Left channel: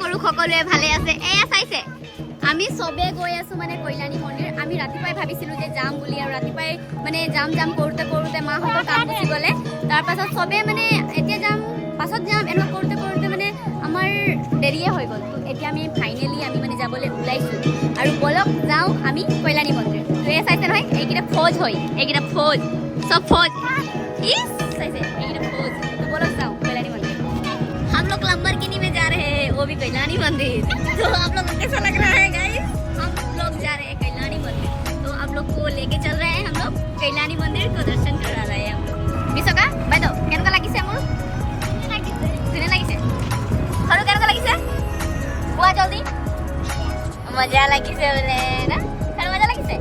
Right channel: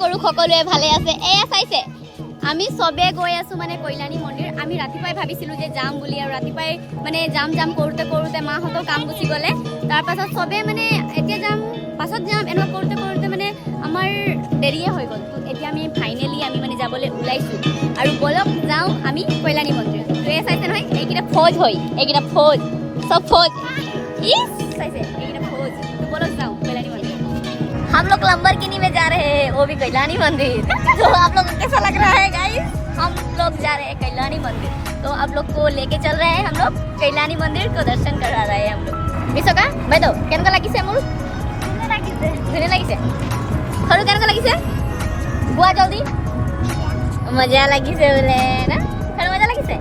কৰো সকলোৱে ভালে আছে। এয়া চাইছে আমি সবে গৈ আছো মানে কল্যাণী মন্দিৰ। আমি ৰাতিপুৱাই ভাবিছিলো যে যাম বুলি, আৰু ৰাতিপুৱাই মানে যাম কৰোঁতে কৰোঁতে মাহঁতৰ কাম গুচি গ'লে। তাৰপাছত সবে মানে এতিয়া যাম পাছত যাম এনেকুৱা কৰোঁতে মানে আমাৰ দেৰিয়ে হৈ গ'ল। তো এতিয়া আমি ফাইনেলি আমি মানে যাবলৈ ওলাইছোঁ, আৰু বলক যাওঁ আমি কল্যাণী মন্দিৰ। তো এয়া চাইছে নহয়, এইকেইটা ফৌজ হয়, এইকেইটা ফৌজ সব ফৌজ ইস চাইছে এইকেইটা फौज। तो बोलो जाओ कल्याणी मंदिर। हम लोग लंबरगिनी में जा रहे हैं, वो भी कल्याणी मंदिर। तो आप लोग कैसा लग रहा है गाइस? हम लोग जा रहे हैं कल्याणी मंदिर, तो आप लोग को लेके चल रहे हैं हम लोग कल्याणी मंदिर को दर्शन करा रहे हैं हम लोग। मिसोका बैठो, केनका লাগিছে মোৰ? ধুনীয়া লাগিছে। সৰু কেনকা লাগিছে? বুৱা জলদি। মজা লাগিছে বোলে না? সৰু মজা লাগিছে।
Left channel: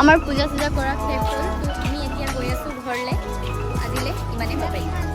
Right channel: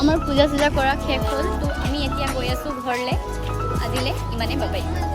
আমাৰ পূজা চূজা কৰা শেষ হ'ল। তো আমি এতিয়া গৈ আছোঁ ঘৰলৈ। আজিলৈ ইমানেই, বাই বাই।